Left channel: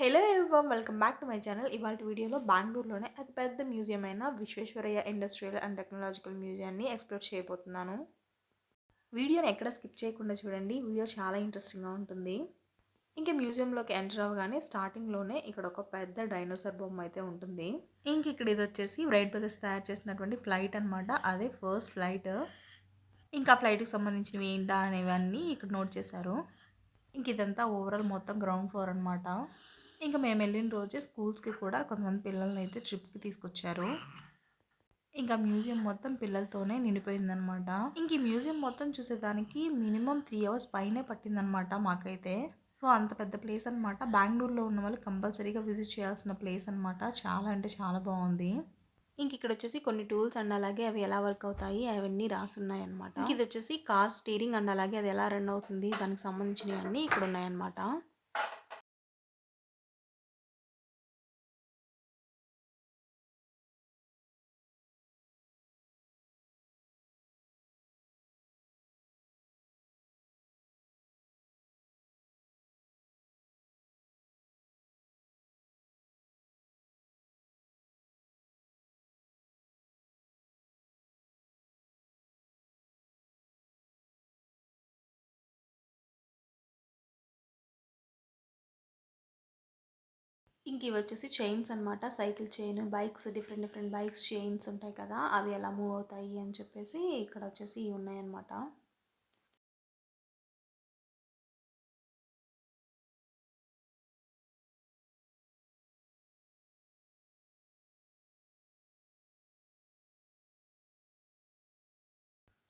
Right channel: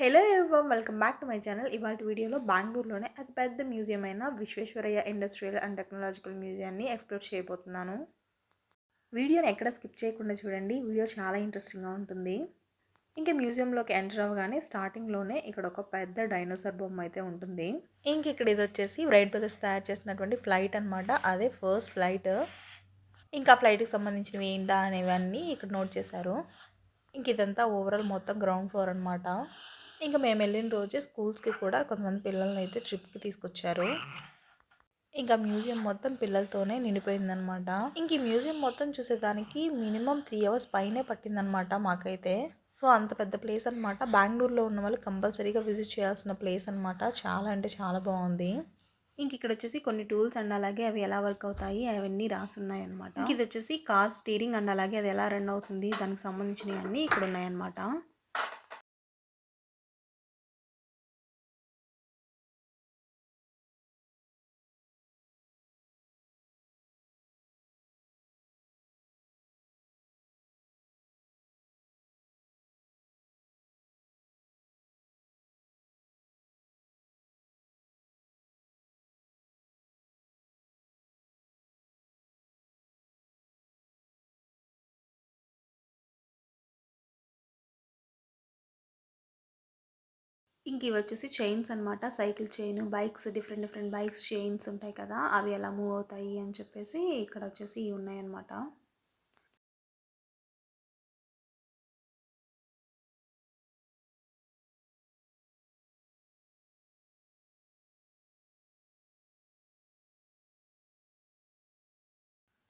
Hello everyone, welcome back to my channel. ఇవాళ వీడియోలో బెంగళూరులోనే అతిపెద్ద మ్యూజియం అయిన విశ్వేశ్వరయ్య ఇండస్ట్రియల్ అండ్ టెక్నాలజికల్ మ్యూజియాన్ని ఎక్స్ప్లోర్ చేయబోతున్నాను. వీడియోని ఎక్కడ స్కిప్ చేయకుండా చూడండి. వీడియో చాలా ఇంట్రెస్టింగ్గా ఉంటుంది. ఇంకా మ్యూజియంలోకి ఎంటర్ అవ్వగానే స్టార్టింగ్లోనే ఇక్కడ ఒక పెద్ద డైనోసార్ బొమ్మ అయితే ఉంటుంది. ఇంక ఇక్కడ ఇది వచ్చేసి రైట్ బ్రదర్స్ తయారు చేసినటువంటి ఫ్లైట్ అనమాట. అదే ఫస్ట్ ఫ్లైట్. ఇంకా ఫ్లైట్కి సంబంధించినవి ఏంటా అనేవన్నీ ఇక్కడ నోట్ చేశారు. ఇంక ఇదంతా ఓవరాల్ మొత్తం గ్రౌండ్ ఫ్లోర్ అనమాట. ఇంకా మేము వెళ్ళిన రోజే స్కూల్స్కి కూడా కొంతమంది పిల్లల్ని అయితే ట్రిప్కి తీసుకొచ్చారు. ఇంకా మ్యూజియం మొత్తం పిల్లలతోనే నిండిపోయిందనమాట. ఇంక ఈ మ్యూజియం మొత్తం చూసేదానికి మినిమం 3 hours పైనే పట్టిందనమాట మాకైతే. సో అంత పెద్ద ప్లేస్ అనమాట. బెంగళూరులో ఉన్న వాళ్ళు కంపల్సరీగా విజిట్ చేయాల్సిన ప్లేస్ అనమాట. చాలా అంటే చాలా బాగుంది. ఇంక ఇక్కడ వచ్చేసి కొన్ని టూల్స్ అండ్ అలాగే అవి ఎలా వర్క్ అవుతాయి అవన్నీ రాసున్నాయి అనమాట. ఇది వచ్చేసి కార్ స్టీరింగ్ అండ్ అలాగే అది ఎలా రన్ అవుతుంది దానికి సంబంధించినవి అన్నీ ఇక్కడ ఉన్నాయన్నమాట. ఇంక ఇవి వచ్చేసి చైన్స్ అనమాట. Cycle chain, bikes, different bikes chains ఉంటాయి కదా, అవి ఎలా మూవ్ అవుతాయి అని చెప్పేసి ఇక్కడ వచ్చేసి ఇవి ఉన్నాయన్నమాట.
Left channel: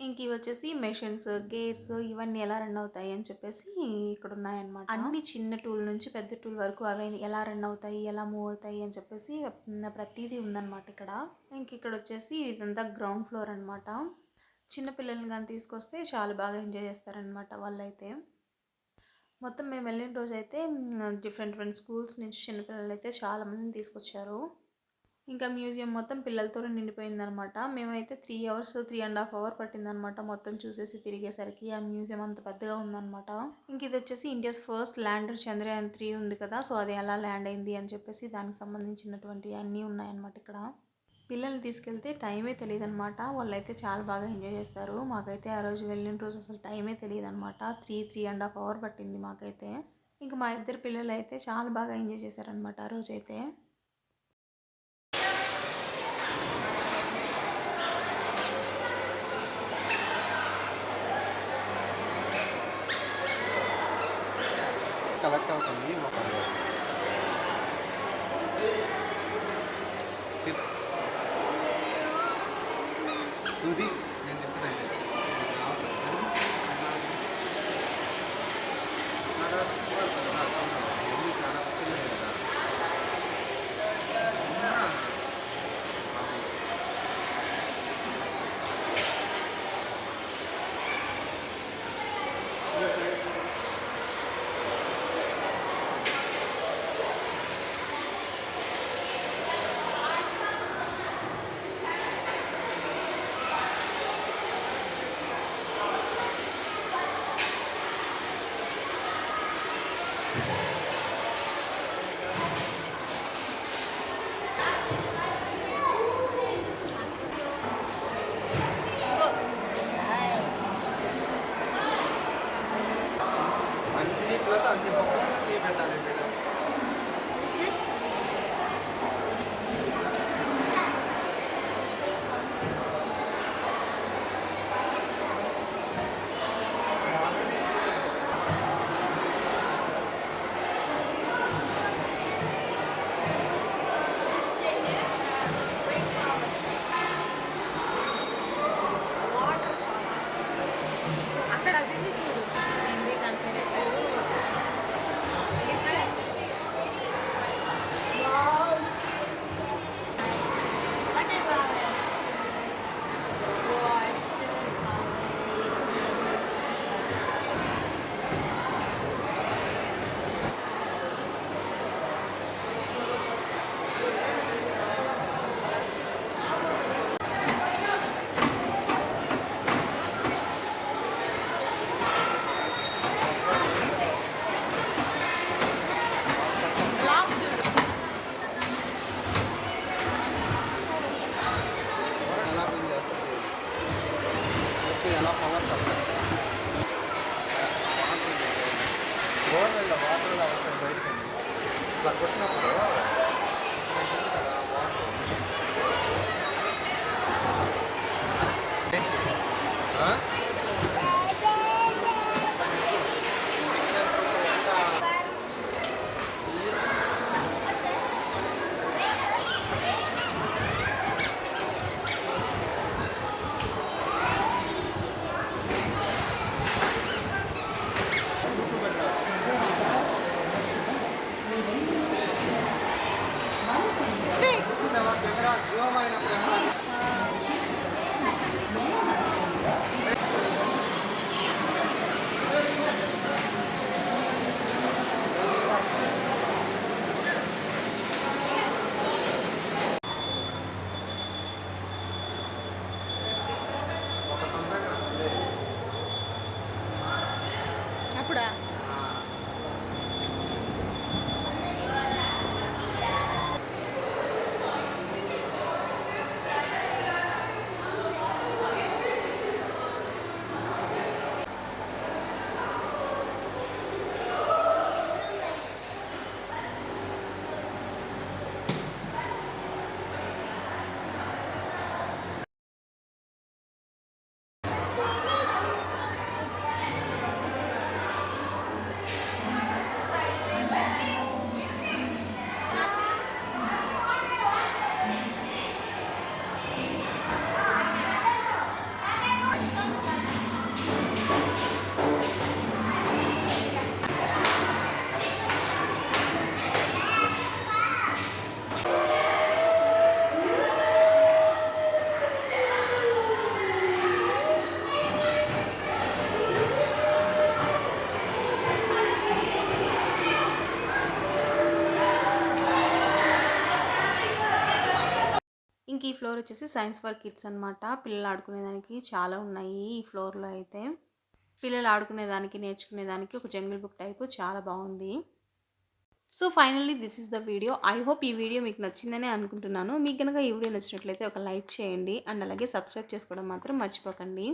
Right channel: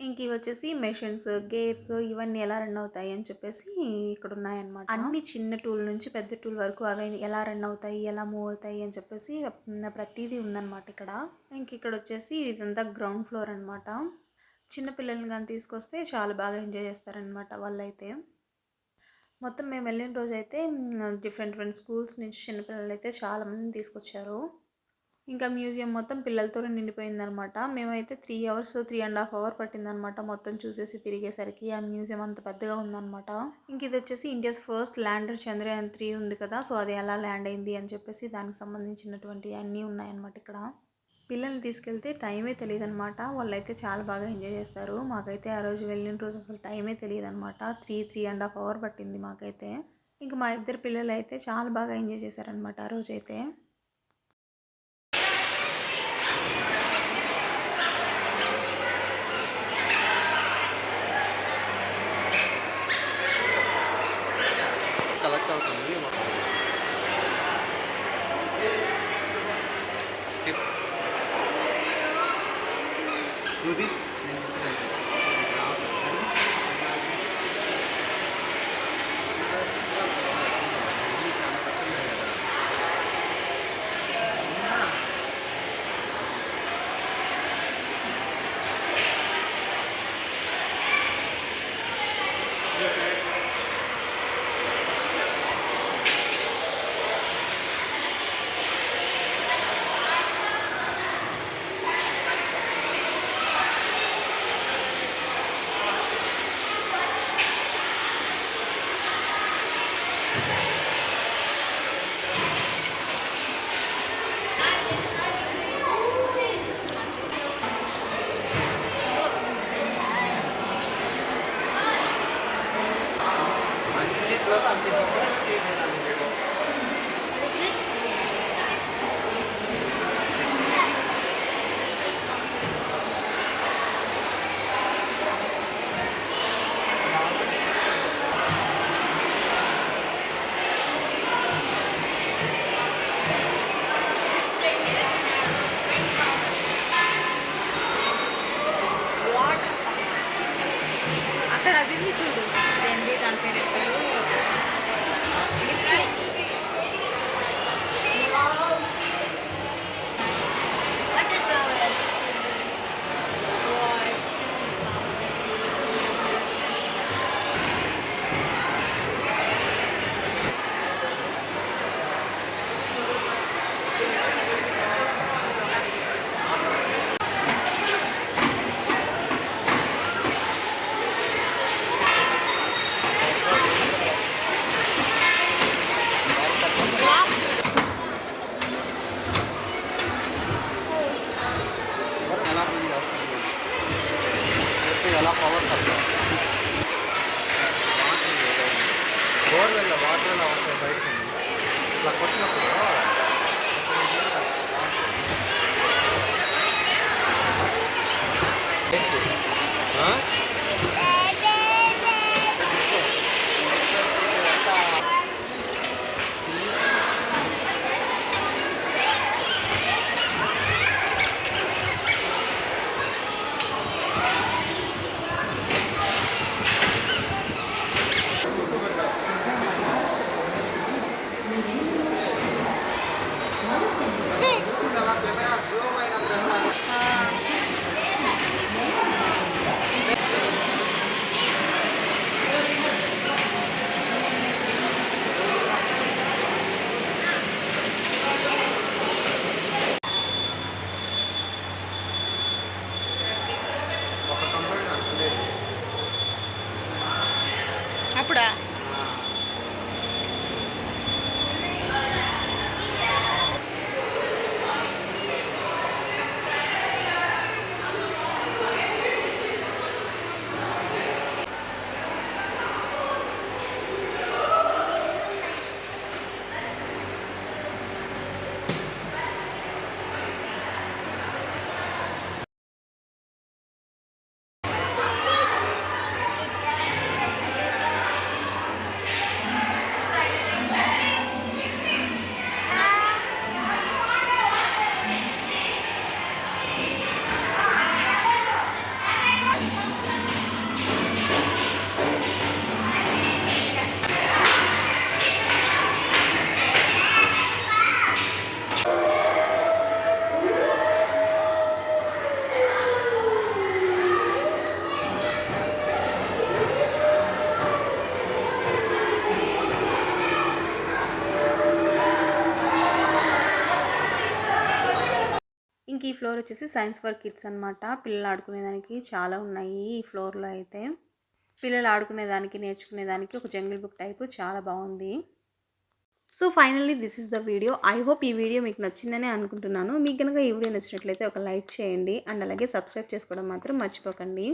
ఇంక ఇవి వచ్చేసి మెషిన్స్, గేర్స్ ఇవన్నీ ఎలా రన్ అవుతాయి అని చెప్పేసి ఇక్కడ ఉన్నాయన్నమాట. అన్ని చిన్న టూల్ నుంచి పెద్ద టూల్ వరకు అవి ఎలా రన్ అవుతాయి, ఎలా మూవ్ అవుతాయి అని చెప్పేసి ప్రతిదీ ఉందన్నమాట ఇక్కడ. ఇంక ఇక్కడ వచ్చేసి ఇదంతా గ్రౌండ్ ఫ్లోర్ అనమాట. చిన్నపిల్లల్ని కానీ తీసుకొస్తే చాలా బాగా ఎంజాయ్ చేస్తారనమాట వాళ్ళైతే. మొత్తం మేము వెళ్ళిన రోజు అయితే డిఫరెంట్ స్కూల్స్ నుంచి చిన్నపిల్లలు అయితే చాలామందిని తీసుకొచ్చారు. ఇంకా మ్యూజియం మొత్తం పిల్లలతోనే నిండిపోయిందనమాట. మేమైతే 3 hours 3.5 hours పట్టిందనమాట మొత్తం చూసేసి తిరిగేసరికి. ఆ మ్యూజియం అంత పెద్దగా ఉందనమాట. ఇంక ఇది వచ్చేసి ఇండియాస్ ఫస్ట్ ల్యాండర్ చంద్రయాన్ 3 ఉంది కదా, సో అది ఎలా ల్యాండ్ అయింది అని చెప్పేసి దానికి సంబంధించినటువంటి అన్నీ ఉన్నాయన్నమాట ఇక్కడ. పిల్లల్ని తీసుకెళ్తే టైమే తెలియదు అనమాట. వాళ్ళైతే చాలా బాగా ఎంజాయ్ చేస్తారు. మాకైతే ఆ రోజు వెళ్ళిన రోజు అసలు టైమే తెలియదు అనమాట. 3.5 hours పట్టింది మాకైతే. ఇంకా మా ఇద్దరు పిల్లలు అయితే చాలా బాగా ఎంజాయ్ చేశారనమాట ఆ రోజైతే. కలెక్ట్ అవుతుంది. రూబీస్ నేను చెప్తున్నాను. చాలా కష్టమే కదా. కొట్టినప్పుడు ఆ? అప్పుడా ఇంక ఈ ఫ్లోర్ వచ్చేసి సైన్స్ ఫర్ కిడ్స్ అనమాట. పిల్లలు ఆడుకునేదానికి చాలా ఉన్నాయి ఈ ఫ్లోర్లో అయితే. పిల్లలు ఆడుకునేదానికి నేర్చుకునేదానికి ఒక జంగిల్ బుక్ టైపు చాలా బాగుంది. So finally this is the video. I hope ఈ వీడియో మీకు నచ్చిందని అనుకుంటున్నాను. మీకు కనుక ఈ వీడియో నచ్చినట్లయితే ఒక లైక్ చేయండి అండ్ అలాగే సబ్స్క్రైబ్ చేసుకోవడం మాత్రం మర్చిపోకండి.